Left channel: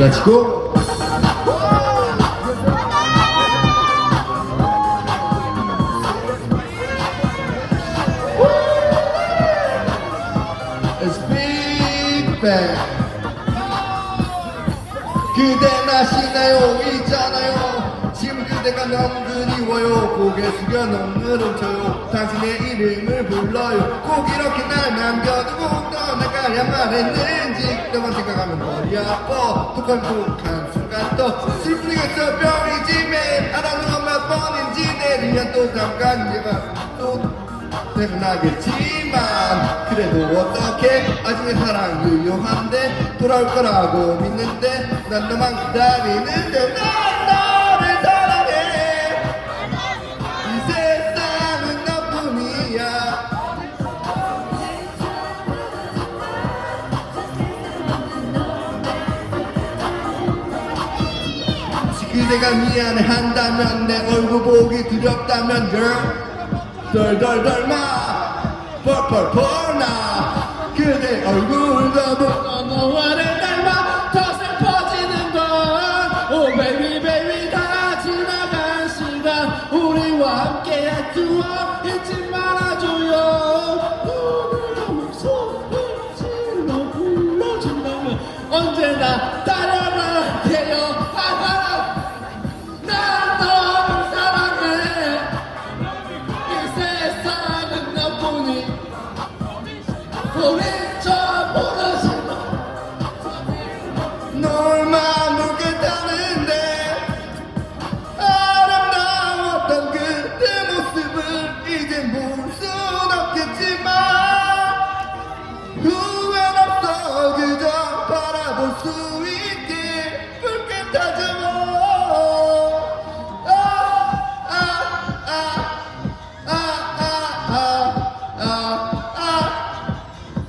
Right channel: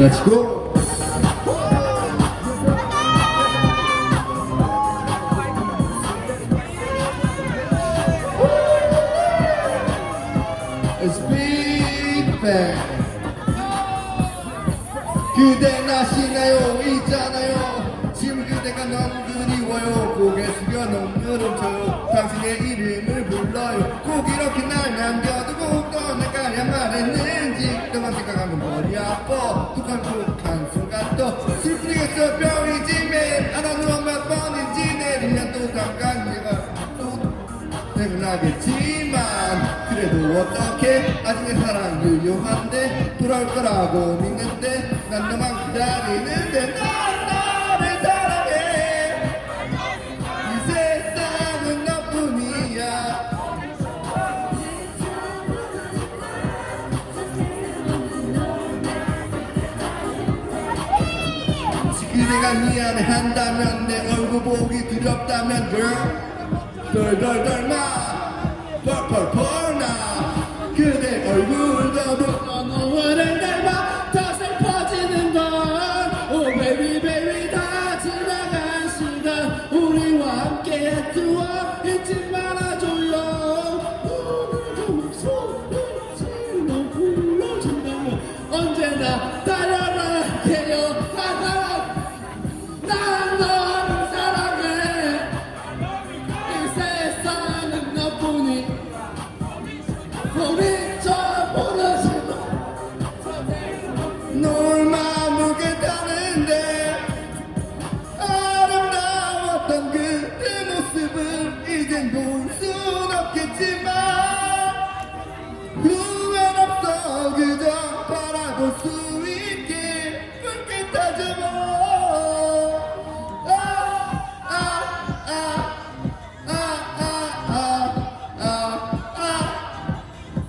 Let's go. It's big bang. 그대 나시나요 있잖아요 지금 그대가 너무 그리워요 고개 숙여 눈물을 쳐요 당신의 이름을 불러요 꼭 이렇게 날 툭한툭한 순간 또 슬프겠어 병이지매 알아는 몇 번인지 내리면 또 잠깐 내가 또 생각나겠지만. 그래도 어떻게 아직의 사랑 유용한데 돌아올 거라고 믿는데 난 너만 기다리는데 난 그대가 미안해 한다면 내 얼굴 보기 두렵다면 girl. 덜덜덜마. 펄펄펄 나. 그대 얼굴도 보고 너와를 닮아 더 슬퍼지는 건오 베이비 베이비 다 지나간 시간. 우리와 함께한 추억 잊지 말아줘요. 오늘도 목소리로 불러준다면 언제나 달려라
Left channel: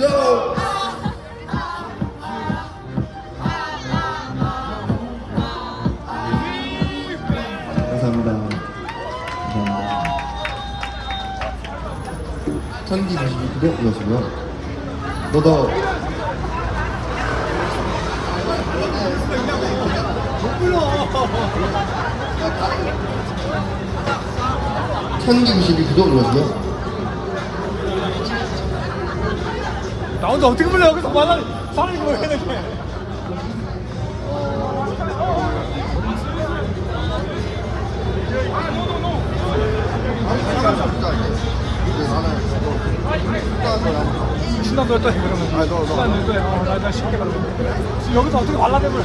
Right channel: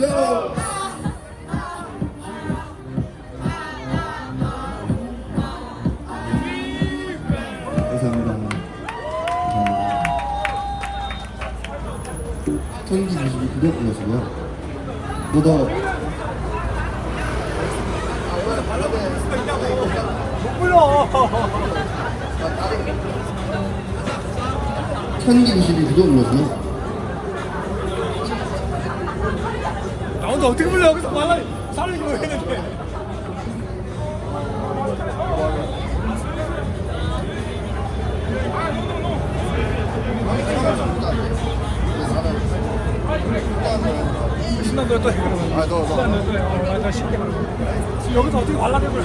go. 감사합니다. 천기 99번 불러주고요. 너도 천기 99번 불러주고요. 나 혼자 어떻게 불러 여기서 말라 사람이 그거 해야 되는데. 신난도 어떠시 그러면 아, 너, 너. 신난도 어떠해 어나 쉽게 그러면 여기서 어떻게 말라고 불러